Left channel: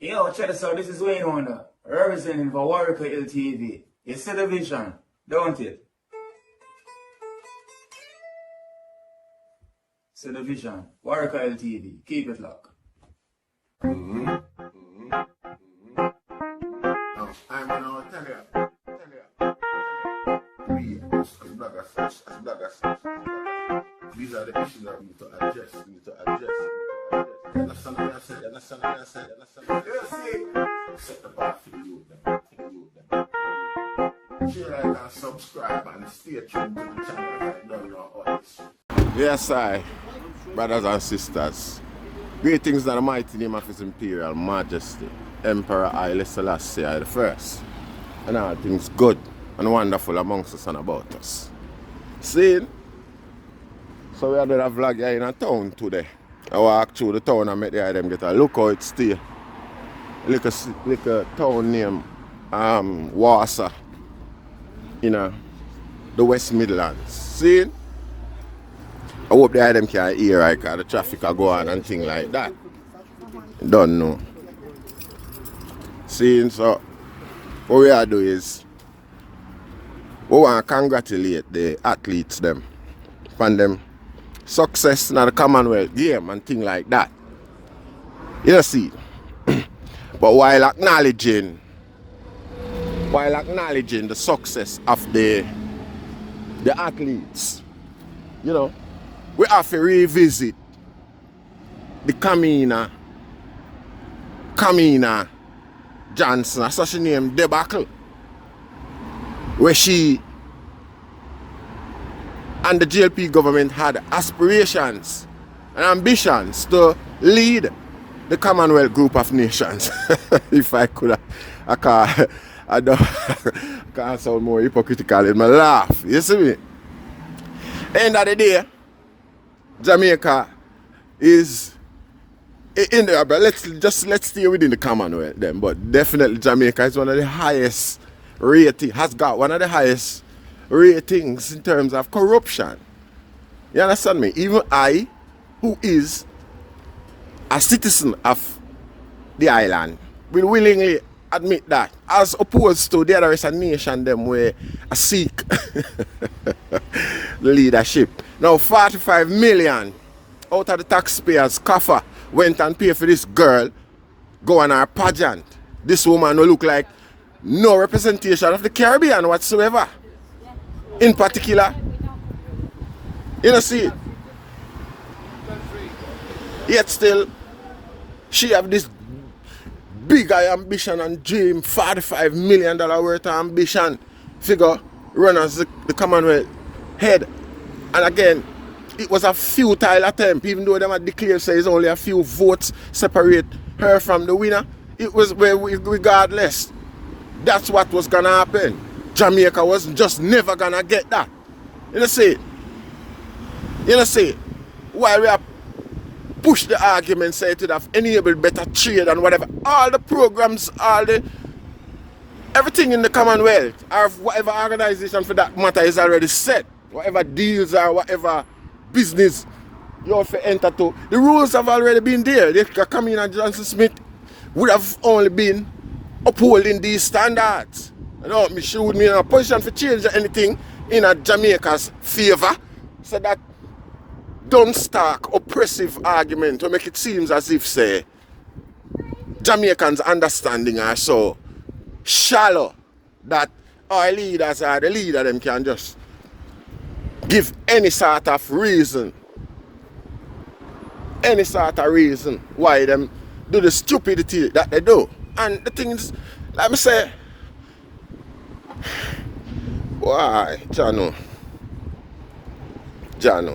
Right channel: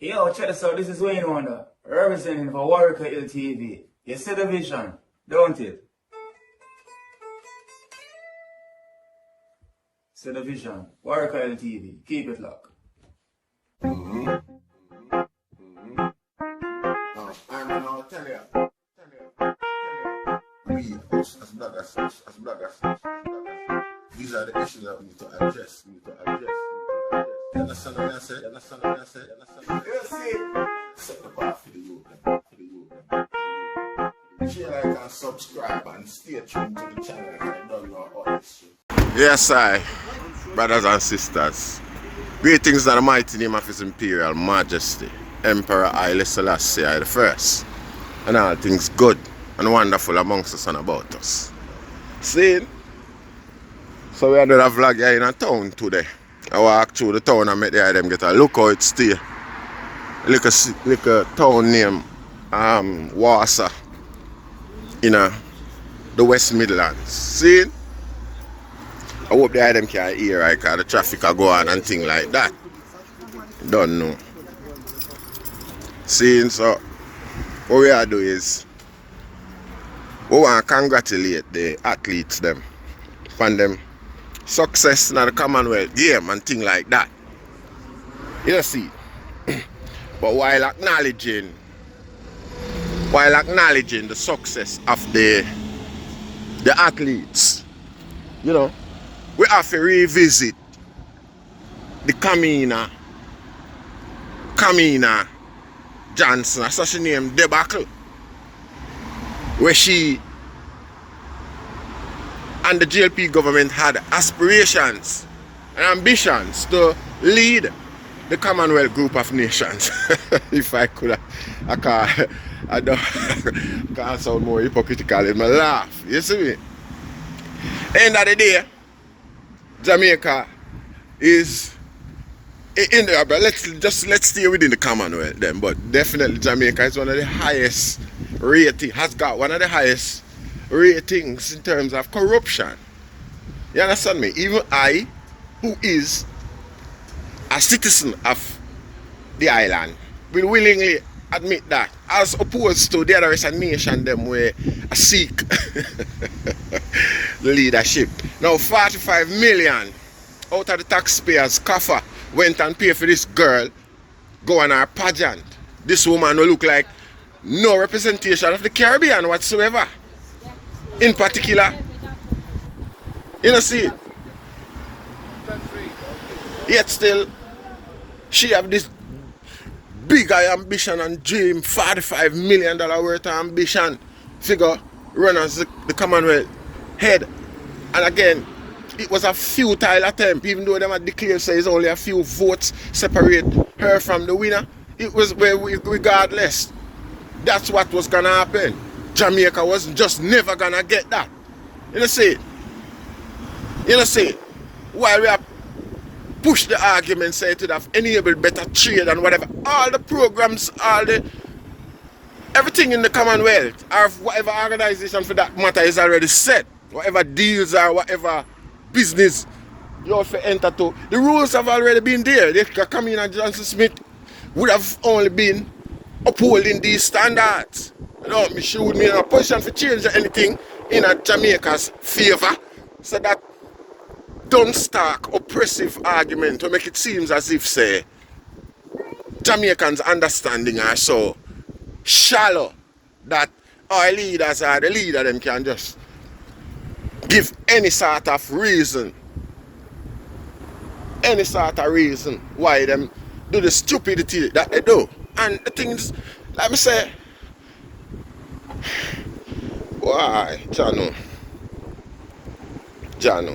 Yo, check this out. This is Wayne Wonder, representing for Warrior LTV. You see the vision, don't it? See the vision. Warrior LTV. Keep it locked. Now, I'm gonna tell you. We, as bloggers, these are the issues that we need to address. You understand what I said? Set the bar for the youth. Share, like, and subscribe, and stay tuned to the channel. I don't know all this. Yes, brothers and sisters. Greetings in the mighty name of His Imperial Majesty, Emperor Haile Selassie I the First, and all things good and wonderful amongst us and about us. See? So we are doing a vlog here in a town today. I walk through the town and make the them get a look how it stay. Like a town name Wassa in the West Midlands. See? I hope the them can hear right, because the traffic will go on and things like that. Don't know. See, so what we are doing is we want to congratulate the athletes them on them success in the Commonwealth game and things like that. You know, see. But while acknowledging the success of the athletes, you know, we have to revisit the Kamina Johnson, that's such a name, debacle, where she and the GLP government had aspirations and ambitions to lead the Commonwealth group of nations. If I could, I can't sound more hypocritical in my laugh. You see me? End of the day, Jamaica is in there, but let's stay within the Commonwealth then. But definitely Jamaica is one of the highest rating, has got one of the highest ratings in terms of corruption. You understand me? Even I, who is a citizen of the island, will willingly admit that, as opposed to the other rest of the nation them where I seek the leadership. Now 45 million out of the taxpayers' coffer went and paid for this girl go on her pageant. This woman will look like no representation of the Caribbean whatsoever. In particular, you know, see, yet still she have this big ambition and dream, $45 million worth of ambition figure run as the Commonwealth head. And again, it was a futile attempt, even though them had declared say it's only a few votes separate her from the winner. It was, regardless, that's what was gonna happen. Jamaica was just never gonna get that. You know see? While we have pushed the argument, say it would have enabled better trade and whatever, all the programs, everything in the Commonwealth, or whatever organization for that matter is already set. Whatever deals or whatever business you have to enter to, the rules have already been there. The Kamina Johnson Smith would have only been upholding these standards. You know, she would be in a position to change anything in a Jamaica's favor, so that don't start oppressive argument to make it seem as if, say, Jamaicans' understanding are so shallow that our leaders are the leader, them can just give any sort of reason why them do the stupidity that they do. And the things, let me say, why, Jano,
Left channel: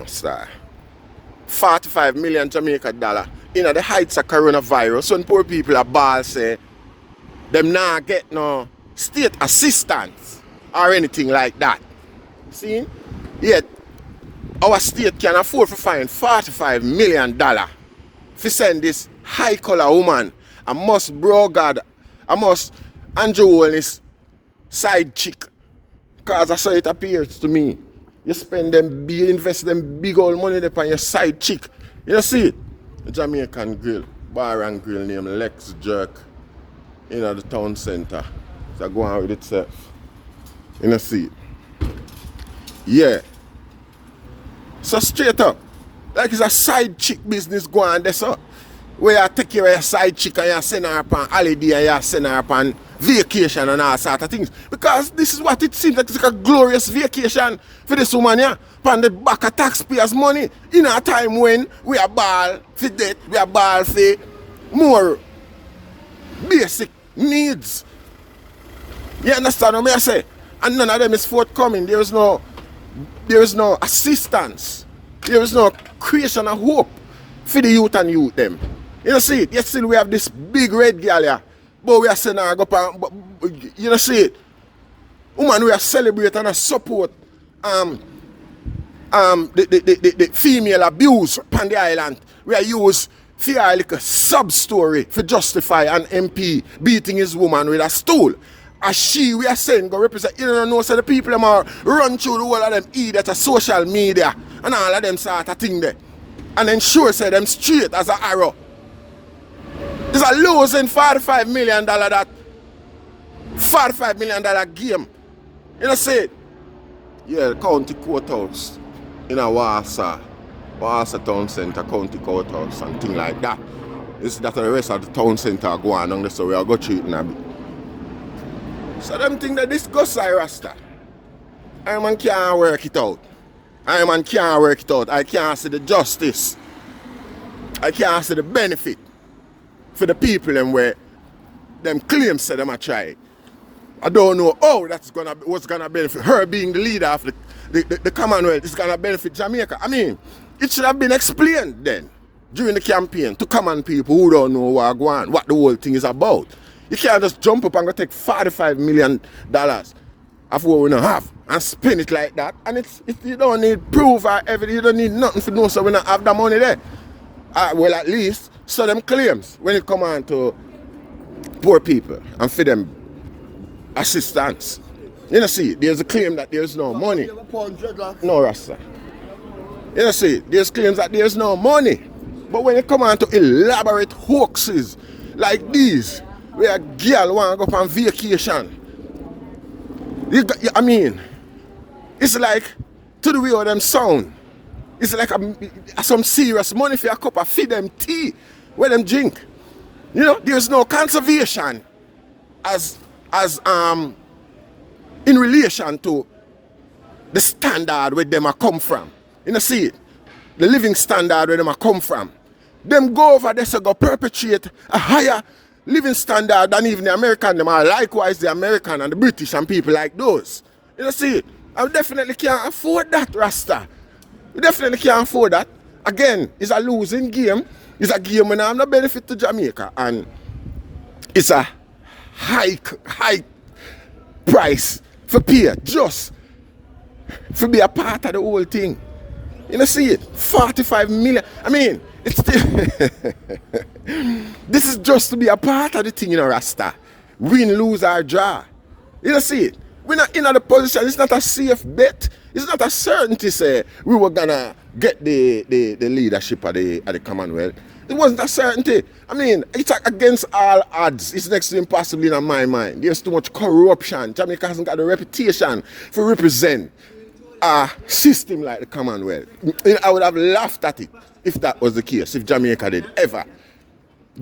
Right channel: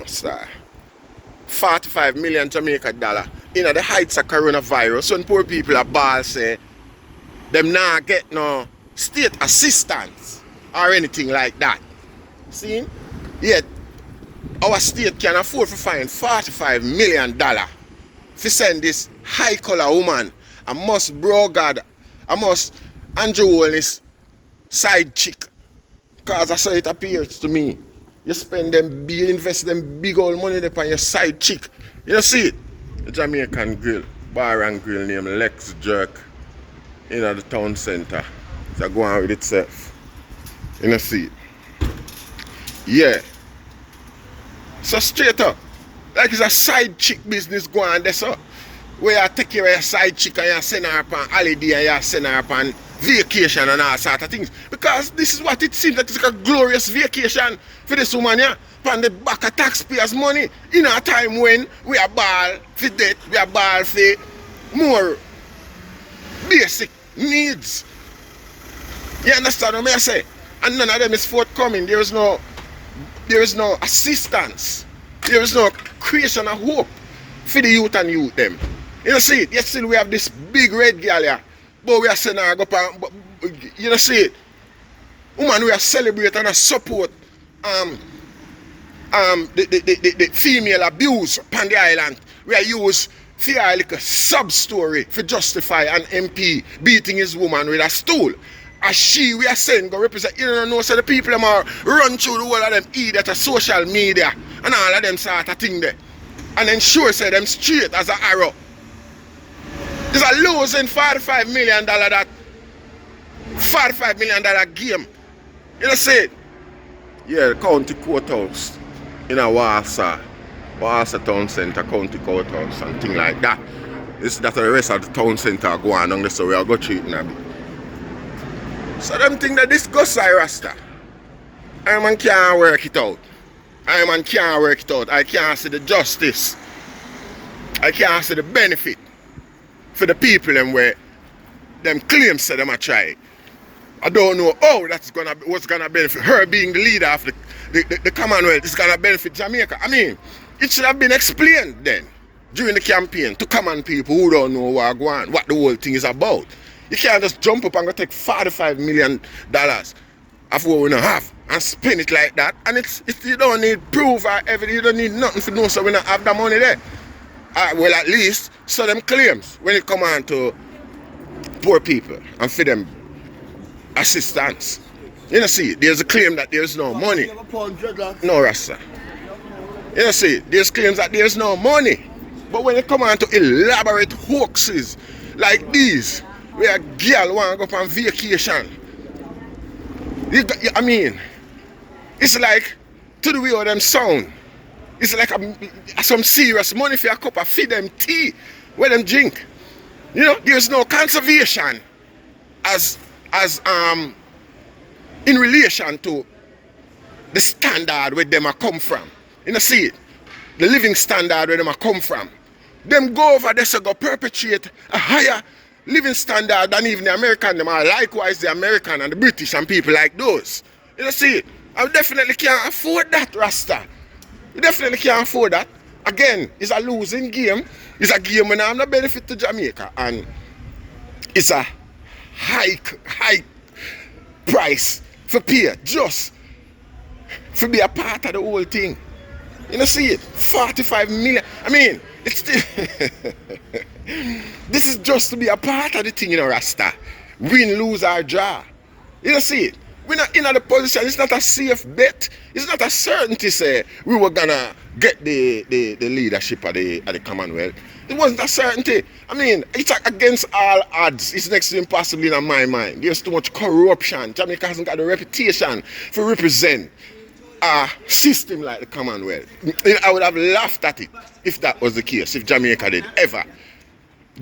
star. 45 million Jamaica dollar in the heights of coronavirus. When poor people are ball say them not get no state assistance or anything like that. See? Yet our state can afford to find $45 million to send this high collar woman, I must Andrew Holness side chick. Because that's how it appears to me. You invest them big old money upon your side chick. You see it? The Jamaican grill, bar and grill named Lex Jerk in the town centre. So go on with itself. You know, see it. Yeah. So straight up. Like it's a side chick business going on there, so. Where you take care of your side chick and you send her up on holiday and you send her up on vacation and all sort of things. Because this is what it seems like. It's like a glorious vacation for this woman, yeah. On the back of taxpayers' money in a time when we are ball for debt, we are ball for more basic needs. You understand what I say? And none of them is forthcoming. There is no assistance. There is no creation of hope for the youth and youth them. You know see it? Yet still we have this big red girl here. But we are saying go up and, you know see it? Woman we are celebrating and support the female abuse upon the island. We are use for like a sub-story for justify an MP beating his woman with a stool. As we are saying, go represent, you don't know, so the people them are run through the whole of them idiot of social media and all of them sort of thing there. And ensure say them straight as an arrow. It's a losing $45 million that $45 million game. You know say it? Yeah, the county courthouse in a Warsaw town centre, county courthouse and things like that. This that the rest of the town centre go on there, so we are go treating a bit. So them think that this goes Rasta. I man can't work it out. I man can't work it out. I can't see the justice. I can't see the benefit for the people them where them claims say them a try. I don't know how that's what's gonna benefit her being the leader of the commonwealth. It's gonna benefit Jamaica. I mean, it should have been explained then during the campaign to common people who don't know what the whole thing is about. You can't just jump up and go take $45 million of what we don't have and spend it like that. And it's you don't need proof or evidence. You don't need nothing to know so we don't have the money there. Well, at least so them claims when it come on to poor people and for them assistance. You know see, there's a claim that there's no money. No Rasta. You know see, there's claims that there's no money. But when it come on to elaborate hoaxes like these, where a girl want to go on vacation. I mean, it's like, to the way of them sound, it's like some serious money for a cup of feed them tea, where them drink. You know, there's no conservation as in relation to the standard where them a come from. You know, see it? The living standard where them a come from. Them go over there so go perpetuate a higher living standard than even the American. Them are likewise the American and the British and people like those. You know, see it? I definitely can't afford that, Rasta. You definitely can't afford that. Again, it's a losing game. It's a game when I have no benefit to Jamaica. And it's a high price for pay just to be a part of the whole thing. You know, see it? 45 million. I mean, it's this is just to be a part of the thing, you know, Rasta. Win, lose, or draw. You know, see it? We're not in the position. It's not a safe bet. It's not a certainty say we were gonna get the leadership of the Commonwealth. It wasn't a certainty. I mean, it's against all odds. It's next to impossible in my mind. There's too much corruption. Jamaica hasn't got a reputation to represent a system like the Commonwealth. I would have laughed at it if that was the case, if Jamaica did ever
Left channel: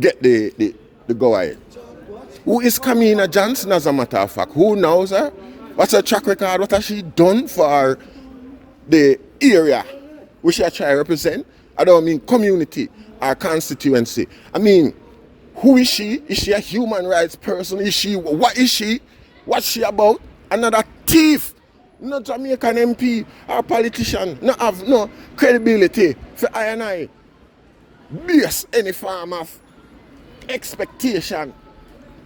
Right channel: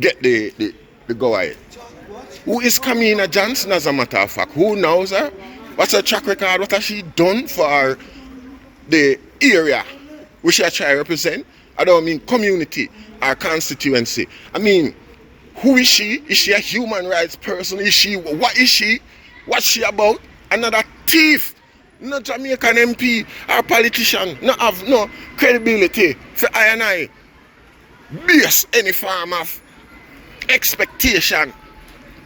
get the go ahead. Who is Kamina Johnson, as a matter of fact? Who knows her? What's her track record? What has she done for the area which I try to represent? I don't mean community or constituency. I mean, who is she? Is she a human rights person? What is she? What's she about? Another thief. No Jamaican MP or politician. No have no credibility for I and I base any form of expectation,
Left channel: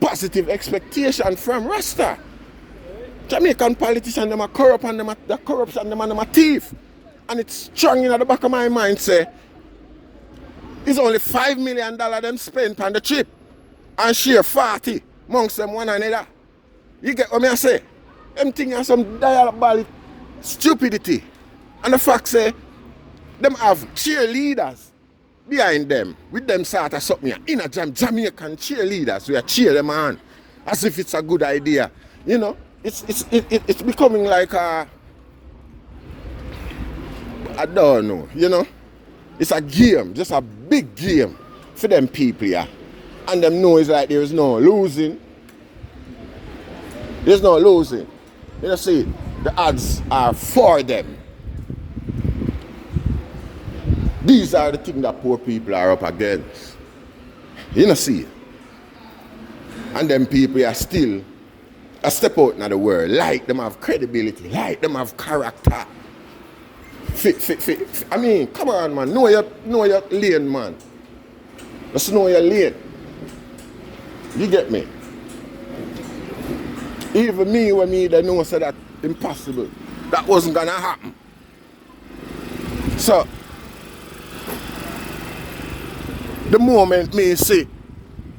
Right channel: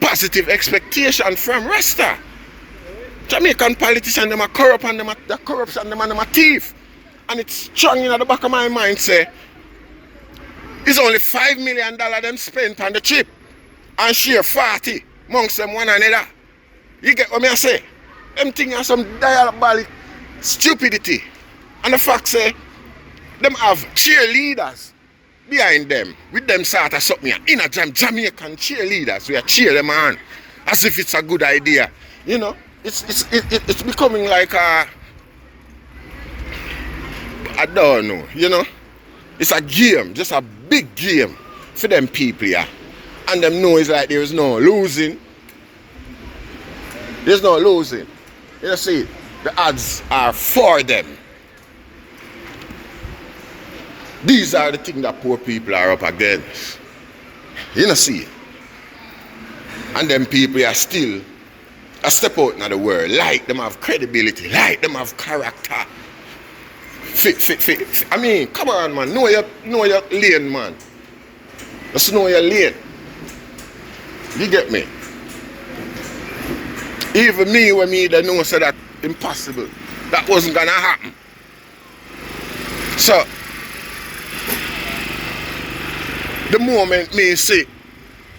positive expectation from Rasta. Jamaican politicians, them are corrupt and them are corruption, them are thief. And it's strong in the back of my mind, say, it's only $5 million them spent on the trip and share 40 amongst them one another. You get what I say? Them things are some diabolic stupidity. And the fact say, them have cheerleaders behind them, with them sort of something in a Jamaican cheerleaders. We are cheer them on as if it's a good idea. You know, it's becoming like a, I don't know, you know. It's a game, just a big game for them people here. And them know it's like there is no losing. There's no losing. You know, see, the odds are for them. These are the things that poor people are up against. You know, see. And them people are still a step out in the world. Like them have credibility, like them have character. I mean, come on, man. Know your lane, man. Just know your lane. You get me? Even me, when me they know so that impossible. That wasn't gonna happen. So the moment me see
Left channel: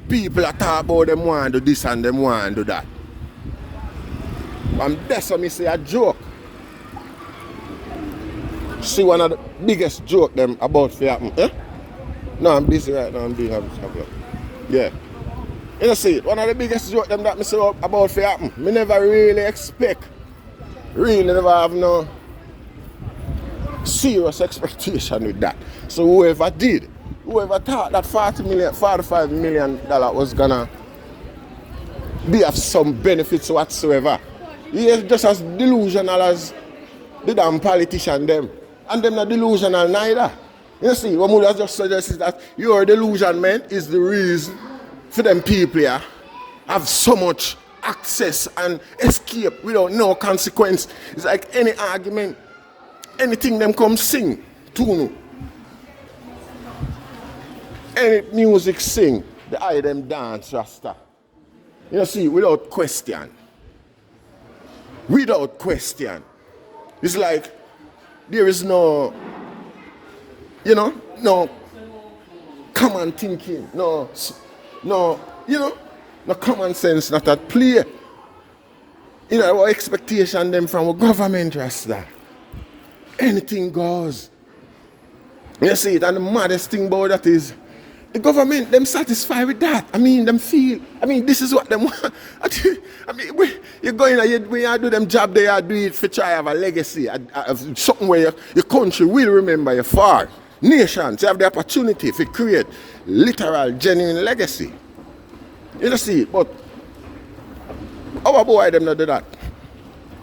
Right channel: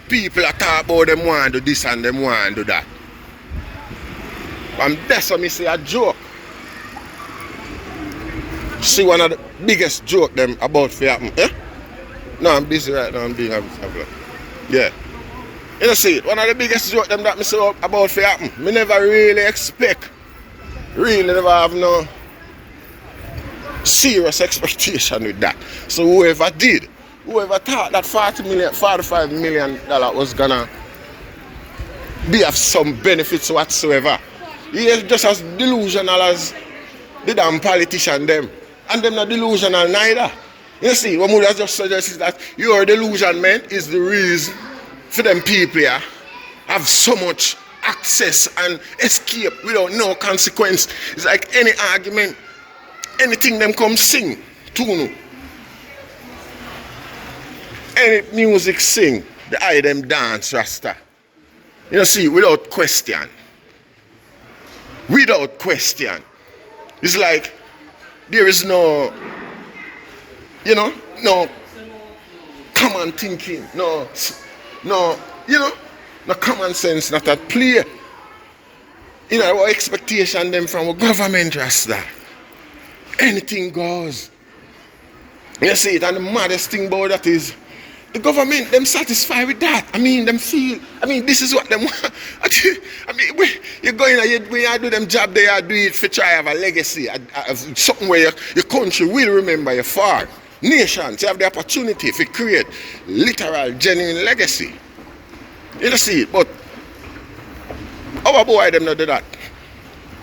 people are talk about them want to do this and them want to do that. And that's what me say a joke. See one of the biggest joke them about to happen. Eh? No, I'm busy right now, I'm doing a yeah. You know, see, one of the biggest joke them that me say about to happen. Me never really expect. Really never have no serious expectation with that. So whoever thought that $45 million was gonna be of some benefits whatsoever, he is just as delusional as the damn politician them. And them not delusional neither. You see, what Muda just suggests is that your delusion, man, is the reason for them people here have so much access and escape without no consequence. It's like any argument, anything them come sing, tune. Any music sing, the eye them dance, Rasta. You know, see, without question. Without question. It's like there is no, you know, no common thinking, no, you know, no common sense, not at play. You know, our expectation them from our government, Rasta. Anything goes. You see it, and the maddest thing about that is the government, them satisfied with that. I mean, them feel, I mean, this is what them want. I mean, you're going, when you do them job, they are do it for try have a legacy, something where your country will remember your father. Nations have the opportunity to create literal, genuine legacy. You know, see, but our boy, them not do that.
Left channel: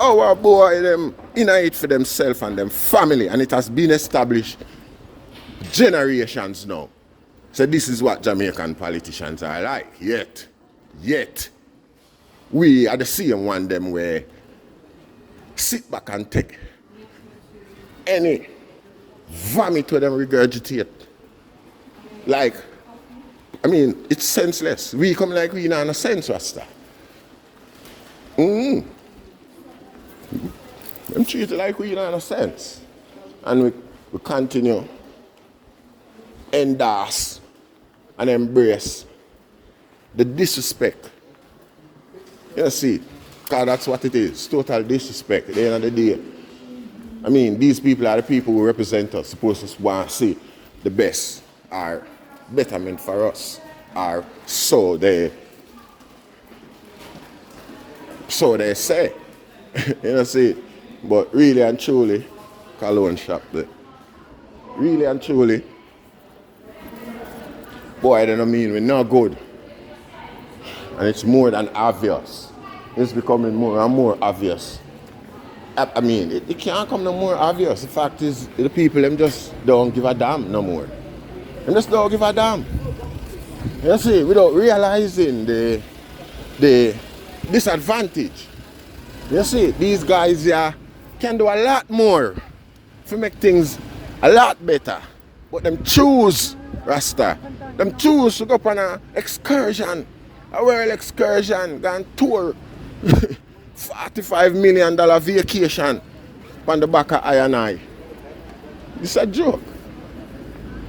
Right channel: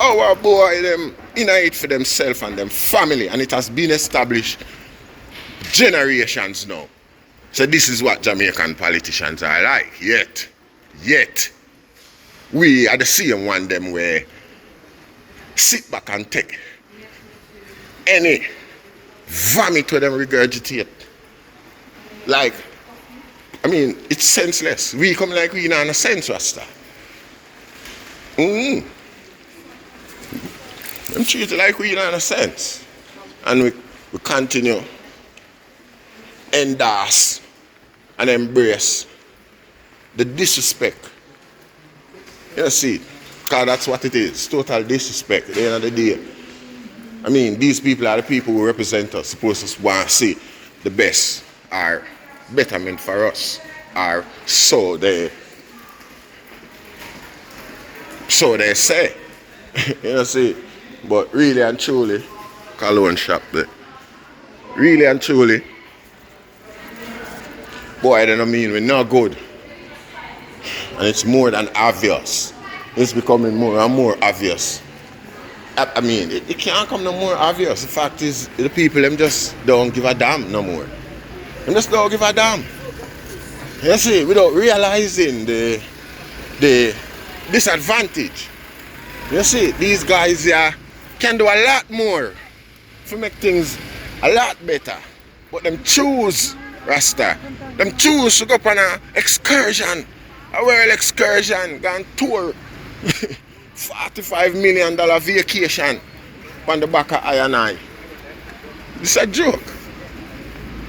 Our boy, them in it for themselves and them family, and it has been established generations now. So this is what Jamaican politicians are like. Yet, we are the same one them where sit back and take any vomit to them regurgitate. Like, I mean, it's senseless. We come like we not in a sense, Rasta. Them treat it like we not in a sense. And we continue endorse and embrace the disrespect. You see, because that's what it is, total disrespect at the end of the day. I mean, these people are the people who represent us, supposed to want to see the best or betterment for us, or so they say. You see, but really and truly, cologne shop there. Really and truly, boy, I don't mean we're not good. And it's more than obvious. It's becoming more and more obvious. I mean, it can't come no more obvious. The fact is, the people, them just don't give a damn no more. Them just don't give a damn. You see, without realizing the disadvantage. You see, these guys here can do a lot more to make things a lot better. But them choose, Rasta, them choose to go up on an excursion, a world excursion, go and tour $45 million vacation on the back of I&I. It's a joke.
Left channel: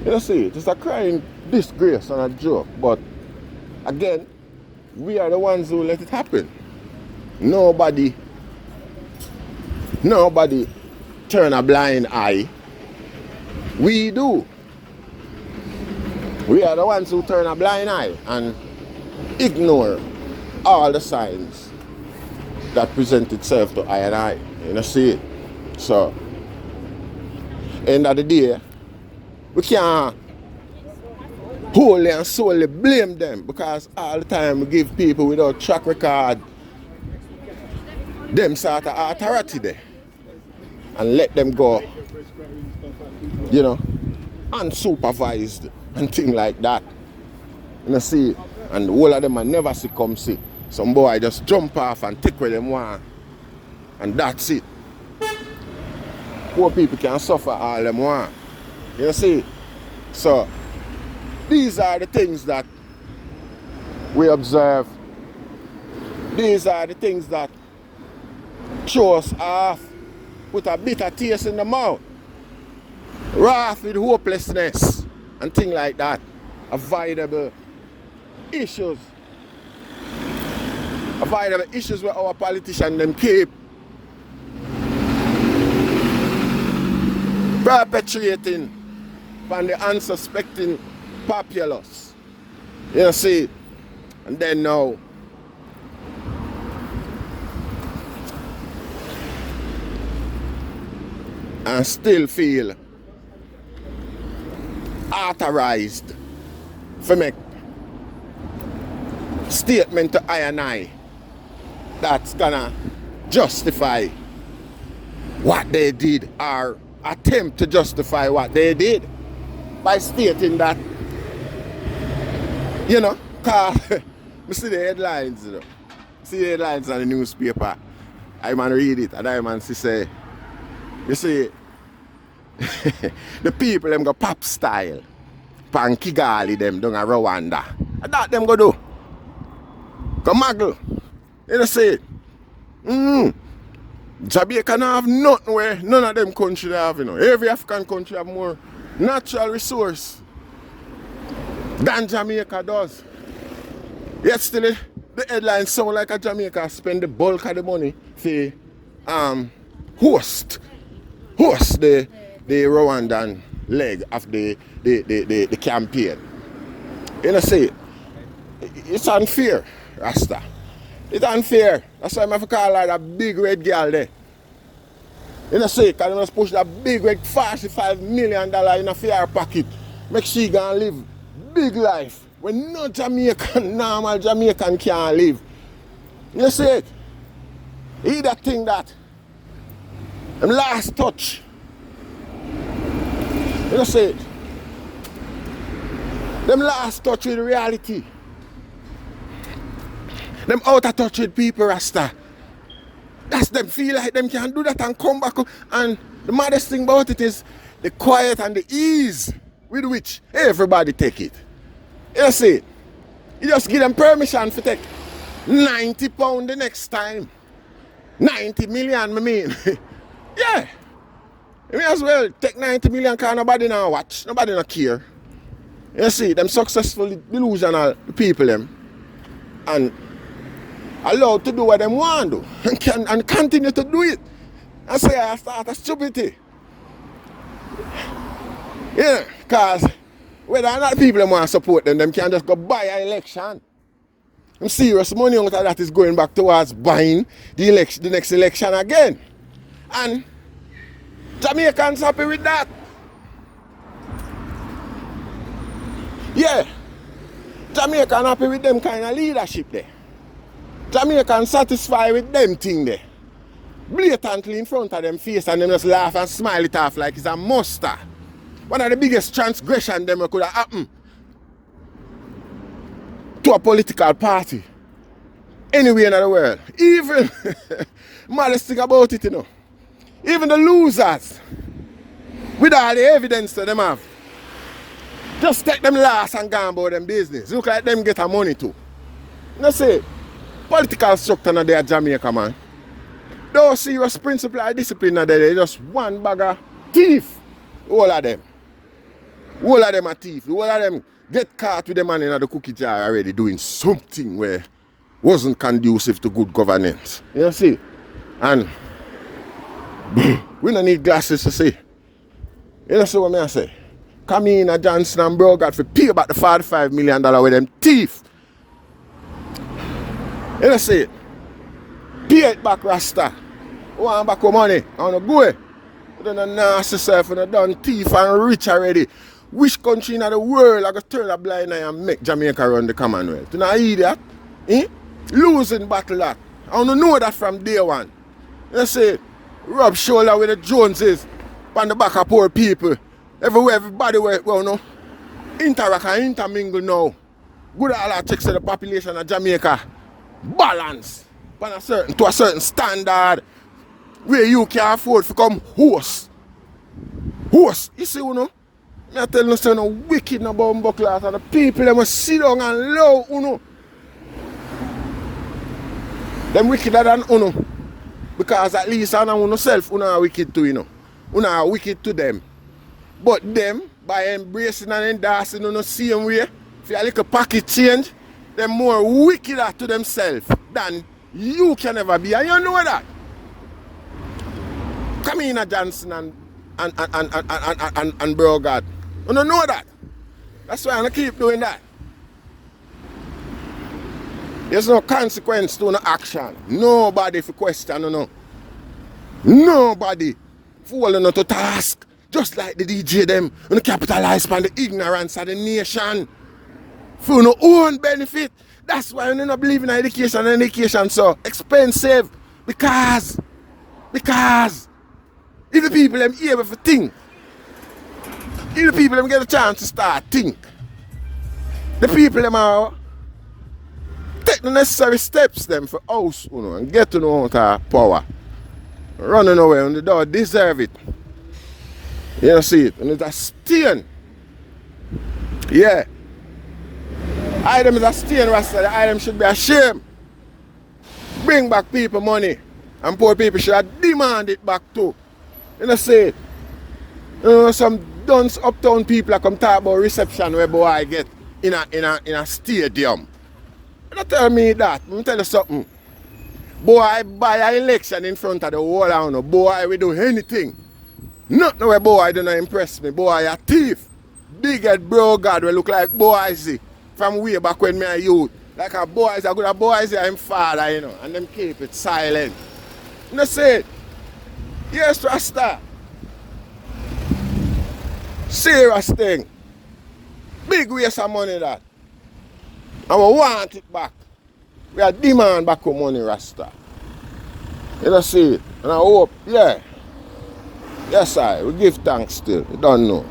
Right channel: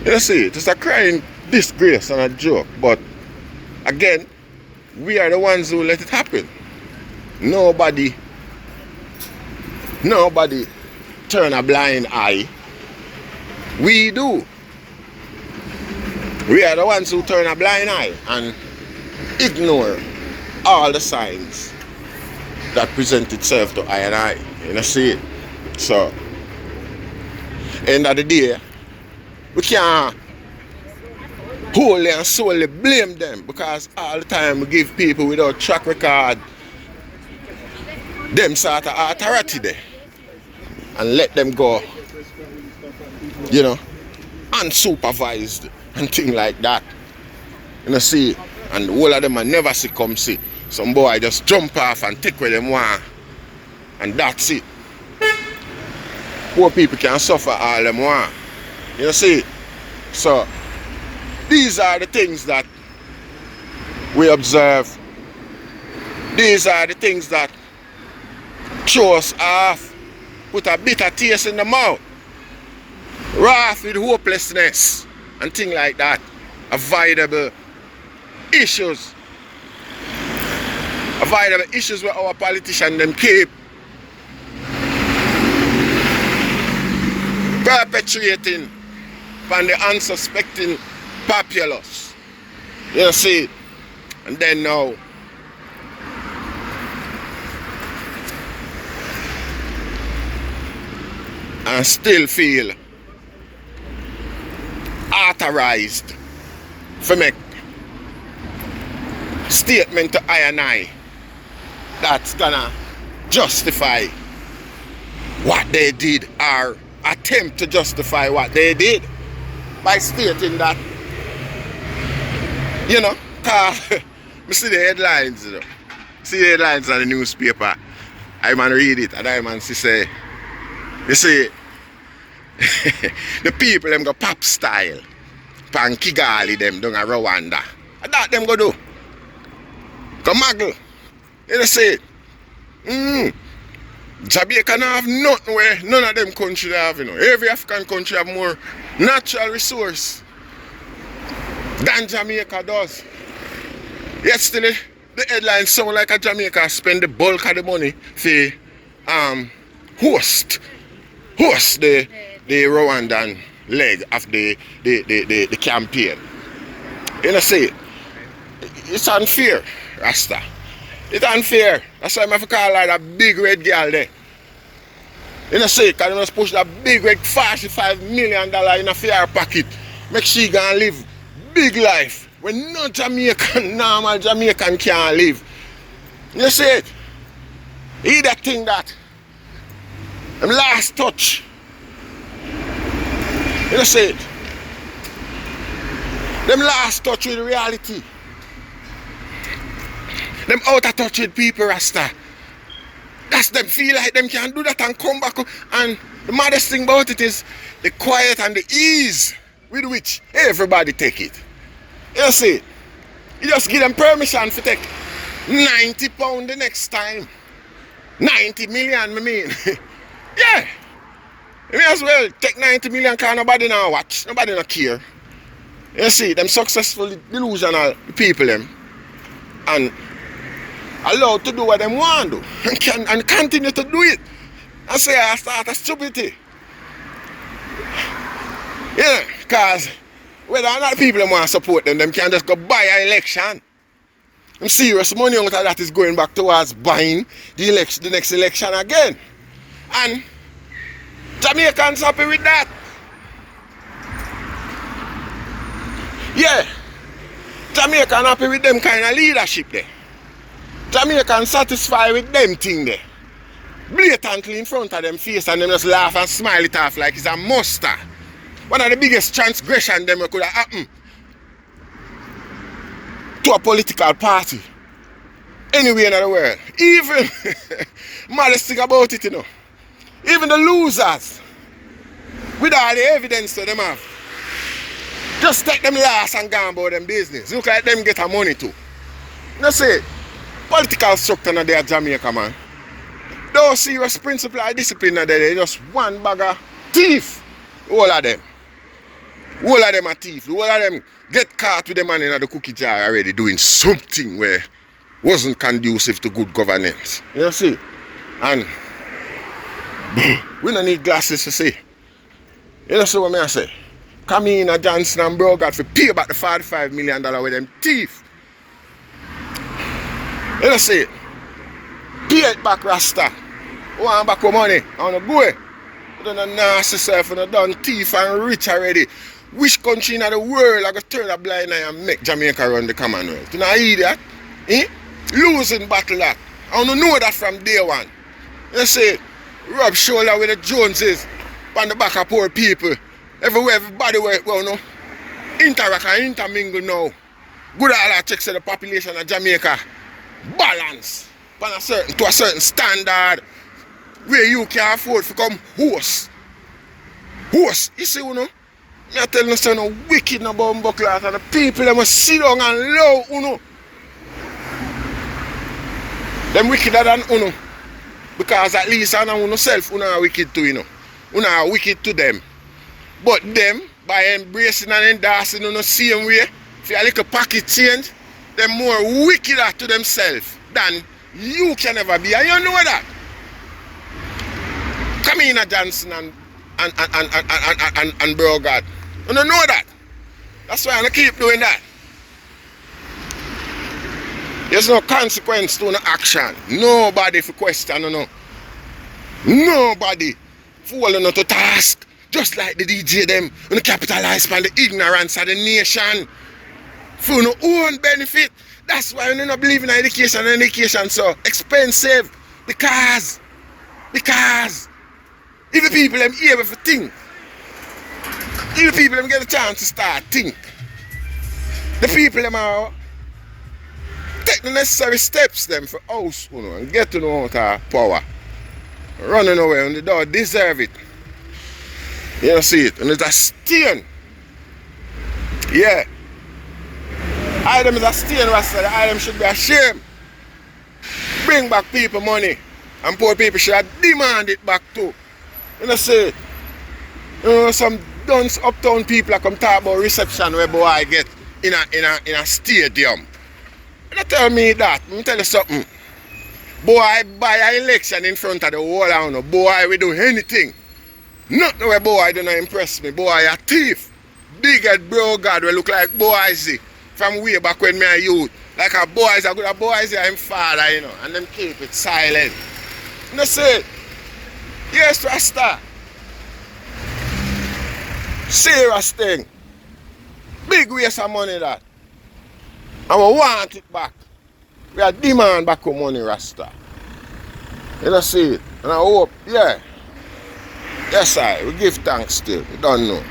You see, it's a crying disgrace and a joke. But again, we are the ones who let it happen. Nobody turn a blind eye. We do. We are the ones who turn a blind eye and ignore all the signs that present itself to I and I. You know, see it? So, end of the day, we can't wholly and solely blame them, because all the time we give people without track record them sort of authority there and let them go, you know, unsupervised and things like that. You know, see, and all of them I never see come see. Some boy just jump off and take where them want, and that's it. Poor people can suffer all them want. You know, see. So these are the things that we observe. These are the things that throw us off, put a bitter taste in the mouth, wrath with hopelessness and things like that. Avoidable issues. Avoidable issues where our politicians them keep perpetuating upon the unsuspecting populace. You see, and then now and still feel authorized for make statement to I and I that's gonna justify what they did, or attempt to justify what they did by stating that, you know, cause I see the headlines, you know. See the headlines on the newspaper. I man read it and I man say, you see, the people them go pop style, pan Kigali them down a Rwanda. And that them go do. Come muggle. You know see, Jamaica don't have nothing where none of them countries have, you know. Every African country have more natural resource than Jamaica does. Yet still the headlines sound like a Jamaica spend the bulk of the money for host the Rwandan leg of the campaign. You know see, it's unfair, Rasta. It's unfair. That's why I have to call her that big red girl there. You know see, because they must push that big red $45 million in a fair pocket. Make she go and live big life when no Jamaican, normal Jamaican can't live. You see it? He that thing that them last touch. You know see it? Them last touch with reality. Them out of touch with people, Rasta. That's them feel like them can do that and come back. And the maddest thing about it is the quiet and the ease with which everybody take it. You see, you just give them permission to take £90 the next time. 90 million, I mean. Yeah. You may as well take 90 million because nobody now watch. Nobody not care. You see, them successful delusional people them. And allowed to do what they want to do and continue to do it and say I start a stupidity. Yeah, because whether or not people want to support them can just go buy an election. Some serious money out of that is going back towards buying the next election again. And Jamaicans happy with that. Yeah, Jamaican happy with them kind of leadership there. Jamaican satisfied with them thing there. Blatantly in front of them face and them just laugh and smile it off like it's a muster. One of the biggest transgression them could have happened to a political party anywhere in the world. Even, maddest thing about it, you know, even the losers, with all the evidence that them have, just take them last and go about them business. Look like them get a money too. You know say, political structure in there Jamaica, man. Those serious principle and discipline are there. They just one bag of thief. All of them. All of them are thief. All of them get caught with the man in the cookie jar already doing something where wasn't conducive to good governance. You see? And we don't need glasses to see. You know what I say? Kamina, Johnson and Brogard for pay back the $45 million with them thief. You know see, pay it back, Rasta. Want back your money, I wanna go. You don't nasty self, you done thief and rich already. Which country in the world I go turn a blind eye and make Jamaica run the commonwealth? You know idiot? Eh? Losing battle that. I wanna know that from day one. You see, rub shoulder with the Joneses on the back of poor people. Everywhere, everybody will know. Interact and intermingle now. Good all that checks the population of Jamaica. Balance to a certain standard where you can afford to come host. Host, you see, you know? I tell you something wicked about Buckler and the people that must sit down and love, you know. Them wickeder than you know. Because at least I know yourself, you are wicked too, you know. You are wicked to them. But them, by embracing and endorsing in the same way, if you a little pocket change, they're more wickeder to themselves than you can ever be. And you know that. Kamina, Johnson and Brogard. You don't know that. That's why I'm going to keep doing that. There's no consequence to no action. Nobody for question, no. Nobody falling to task. Just like the DJ them, you capitalize on the ignorance of the nation for no own benefit. That's why you don't believe in education and education so expensive. Because if the people them able to think, if the people them get a chance to start think, the people them are take the necessary steps them for us, you know, and get to know our power. Running away and they don't deserve it. You don't see it, and it's a stain. Yeah. Item is a stain, Rasta. The item should be ashamed. Bring back people money. And poor people should demand it back too. You know see it? You know, some dunce uptown people that come talk about reception where boy get in a stadium. You don't tell me that. Let me tell you something. Boy buy an election in front of the whole town. Boy we do anything. Nothing where boy don't impress me. Boy a thief. Big head bro God we look like boys from way back when me a youth. Like a boys a good a boys are him father, you know, and them keep it silent. You know say it? Yes, Rasta. Serious thing. Big waste of money that. And we want it back. We are demand back our money, Rasta. You know see it? And I hope, yeah. Yes, we give thanks still. We don't know.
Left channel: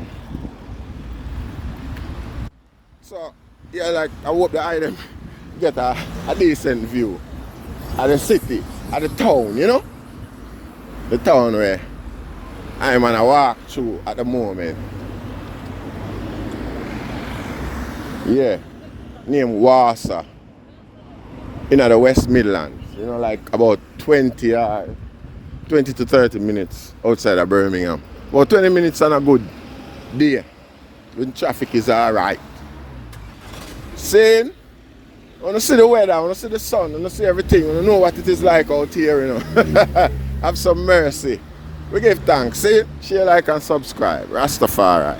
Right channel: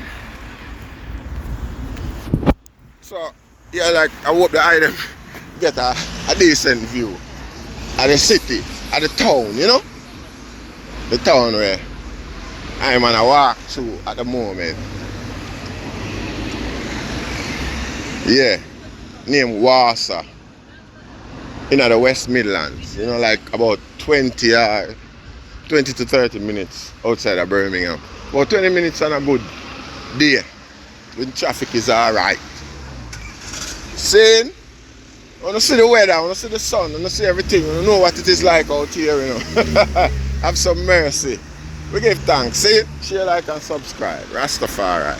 So, yeah, like, I hope the item get a decent view of the city, of the town, you know? The town where I'm on a walk through at the moment. Yeah, named Wassa. In the West Midlands, you know, like about 20 to 30 minutes outside of Birmingham. About 20 minutes on a good day when traffic is alright. Saying, I want to see the weather, I want to see the sun, I want to see everything, I want to know what it is like out here, you know. Have some mercy. We give thanks. See, share, like, and subscribe. Rastafari.